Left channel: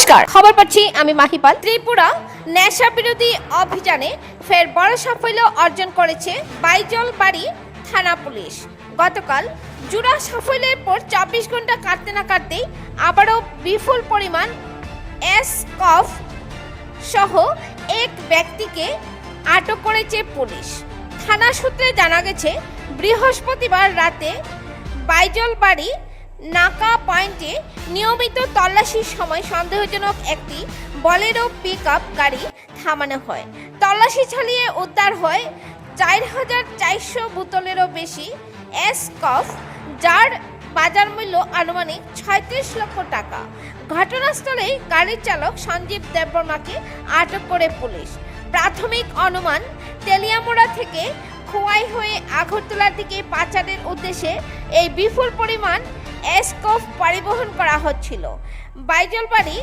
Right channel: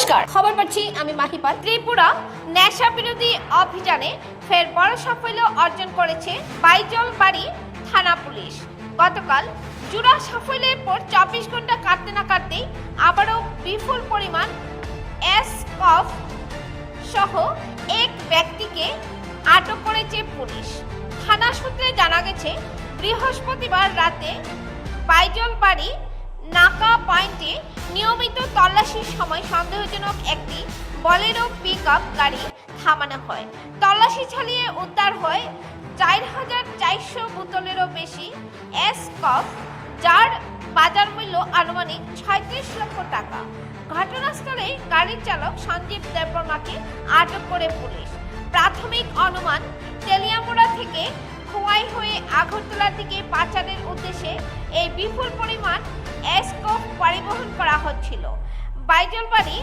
নমস্কার, খবর পাচ্ছি আমি মাহিপাল। ত্রিপুরা নেশা বিরোধী অভিযানে ফের বড় সাফল্য অর্জন করেছে বাইজলবাড়ি থানা পুলিশ। গতকাল জোড়া সাফল্যের পর 24 ঘন্টা কাটতে না কাটতেই আবারও বিপুল পরিমাণ এসকফ সহ এক ব্যক্তিকে আটক করেছে পুলিশ। থানা সূত্রে জানা গেছে, বৃহস্পতিবার রাতে বাইজলবাড়ি নাকা পয়েন্টে নিয়মিত তল্লাশির সময় সন্দেহজনক একটি বলেরো পিকআপ গাড়ি থামানো হয়। তল্লাশি চালিয়ে উদ্ধার হয় 4400 বোতলেরও বেশি এসকফ, যার বাজার মূল্য আনুমানিক 36 লক্ষ টাকা। ঘটনাস্থলে গাড়ির চালক সঞ্জীব দেববর্মাকে আটক করে পুলিশ। প্রাথমিক অনুমান, তেলিয়ামুড়া থেকে খোয়াই হয়ে আগরতলার দিকে পাচারের উদ্দেশ্যে এই বিপুল পরিমাণ এসকফ পরিবহন করা হচ্ছিল। বাইজলবাড়ি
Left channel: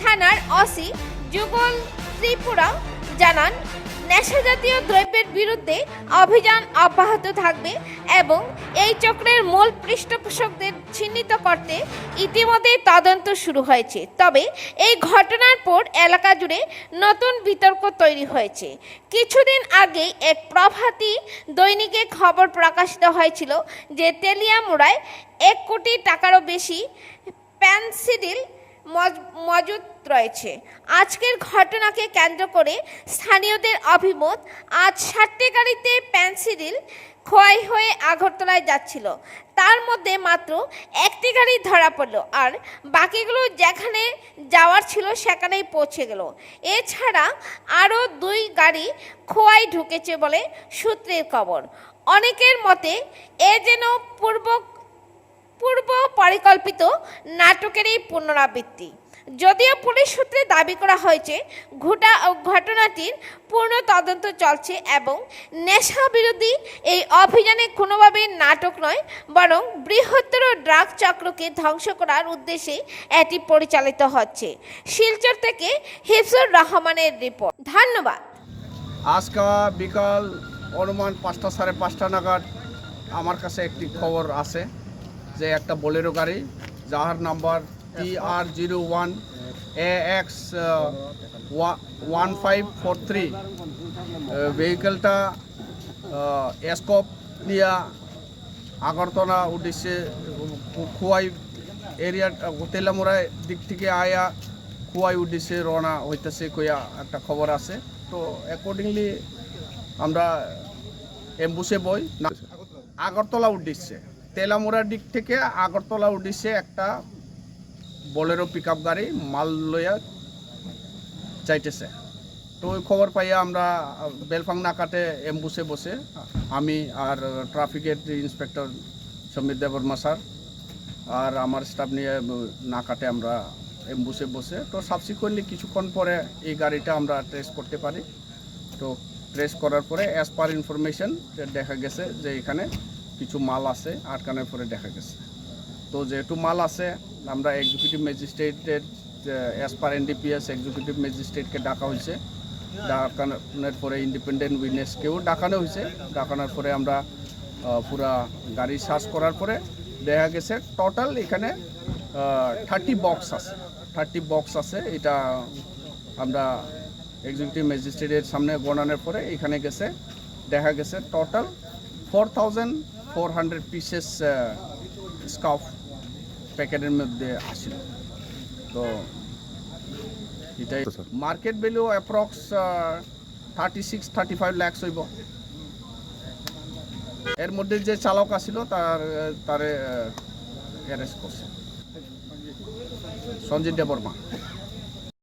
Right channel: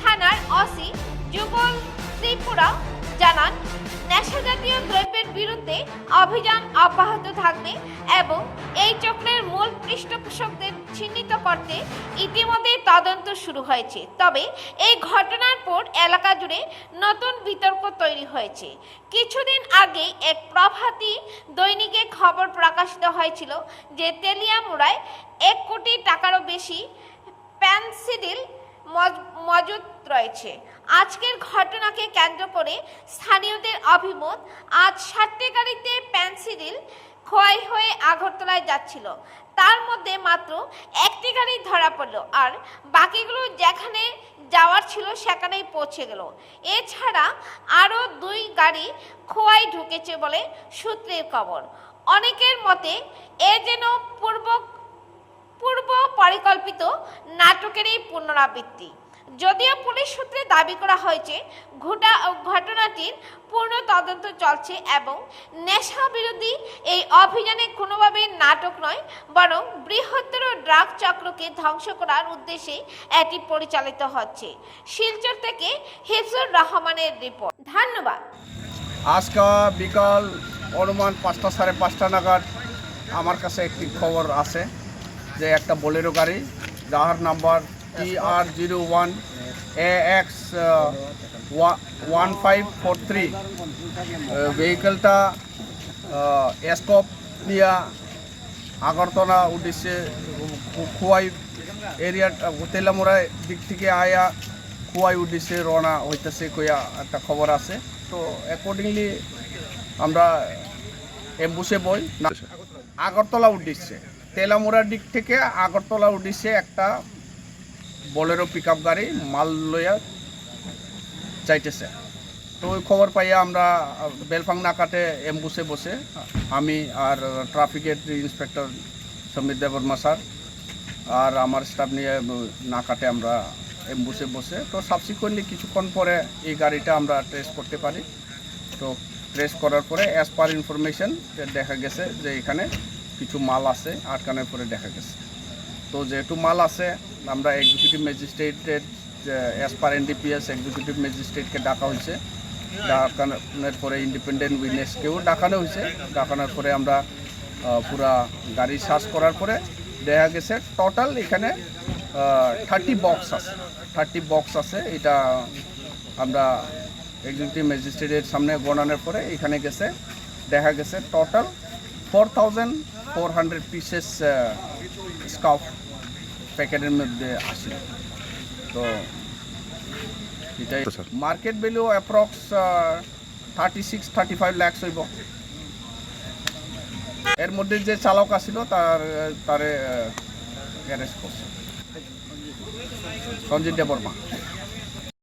থানার ওসি যুগল ত্রিপুরা জানান, নেশাজাতীয় দ্রব্যের বিরুদ্ধে অভিযান অব্যাহত থাকবে এবং এই চক্রের মূল পৃষ্ঠপোষকদের চিহ্নিত করতে ইতিমধ্যে তদন্ত শুরু হয়েছে। তবে এই ঘটনার পর এলাকা জুড়ে নতুন বিতর্ক তৈরি হয়েছে। কিছুদিন আগে এক প্রভাতী দৈনিকে খবর প্রকাশিত হয়েছিল যে তেলিয়ামুড়ায় 1 কোটি টাকারও বেশি পেনসিডিল মজুদ রয়েছে। আজকের ঘটনাকে কেন্দ্র করে স্থানীয়দের অভিমত, আজ 60টি গাড়িতে পেনসিডিল খোয়াই হয়ে আগরতলায় যাচ্ছিল, তার মধ্যে মাত্র একটি গাড়ি ধরা পড়ল আর বাকিগুলো যেখানে যাওয়ার ছিল সেখানেই পৌঁছে গেল। এছাড়া আরও 2 গাড়ি খোয়াই ঢুকেছে বলে সূত্রের খবর। অনেকের মতে এ যেন পূর্ব পরিকল্পিত নাটকেরই পুনরাবৃত্তি। যদিও পুলিশ সূত্রে দাবি করা হয়েছে ঘটনাটির পূর্ণ তদন্ত চলছে এবং নেশা বিরোধী এই অভিযানে কোনোভাবেই নাটক নয়, বরং বৃহত্তর ড্রাগ চক্রকে ধ্বংস করার উদ্দেশ্যে এটি পরিচালিত হচ্ছে। শিলচর থেকে হিফজুর রহমানের রিপোর্ট। ধন্যবাদ। আজকে বিকাল অনুমান 5টা সাড়ে 5টা নাগাদ আমার কাছে একটি খবর আছে যে একটা বোলেরো গাড়ি, যার নাম্বার TR01 AX 1543, ভেহিকেলটা এসকপ নিয়ে আগরতলা উদ্দেশ্যে খোয়াই এরিয়া তেলামুড়ায় দিক থেকে আয়া খোয়াই উদ্দেশ্যে রওনা হইতেছে কইয়া একটা খবর আছে। তো অ্যাকর্ডিংলি আমরা এম্বুসে বই আগরতলা উদ্দেশ্যে, তেলামুড়ার দিক থেকে আগরতলা উদ্দেশ্যে একটা বোলেরো পিকআপ গাড়ি মাল লইয়া যাইতেছে। তো ওই খবর পাইয়া আমরা বেলফাং নাকাতে এম্বুসে বসে, আমি আর ট্রাফিকের ইন্সপেক্টর সমীর দেববর্মা স্যার আর আমার স্টাফ নিয়ে নাকাতে আমরা এম্বুসে বসে, তো সাবসিকুয়েন্টলি কিছুক্ষণ পরে এই গাড়িটা আমরা ট্রেস করতে পারি। তো ট্রেস করার পরে অ্যাজ পার ইনফরমেশন দেখা গেছে যে এখানে কিছু মাল আছে, আটকানোর পরে দেখা গেছে। তো যেহেতু মাল আছে, আমরা এক্সিকিউটিভ ম্যাজিস্ট্রেটের অ্যাজ পার NDPS এক্সিকিউটিভ ম্যাজিস্ট্রেটকে ডাকা হয়েছে। ডাকানোর পরে ইন্ডিপেন্ডেন্ট উইটনেসকেও ডাকানো হয়েছে। ডাকানোর পরে আমরা পুরা গাড়ি সার্চ করার পরে দেখা গেছে টোটাল এখানে 30 বক্স আছে। এটা আমরা এক্সিকিউটিভ ম্যাজিস্ট্রেটের সামনে গণানোর পরে এখানে গেছে দেখা গেছে টোটাল 4400 পিসেস স্কাফ প্যাকেটের মধ্যে আসে। তো এটাই মার্কেট ভ্যালু অ্যাপ্রক্স 36-35 লাখ হইব। এর মধ্যে যে চালক আসিল তারে অ্যারেস্ট করছে সঞ্জীব দেববর্মা।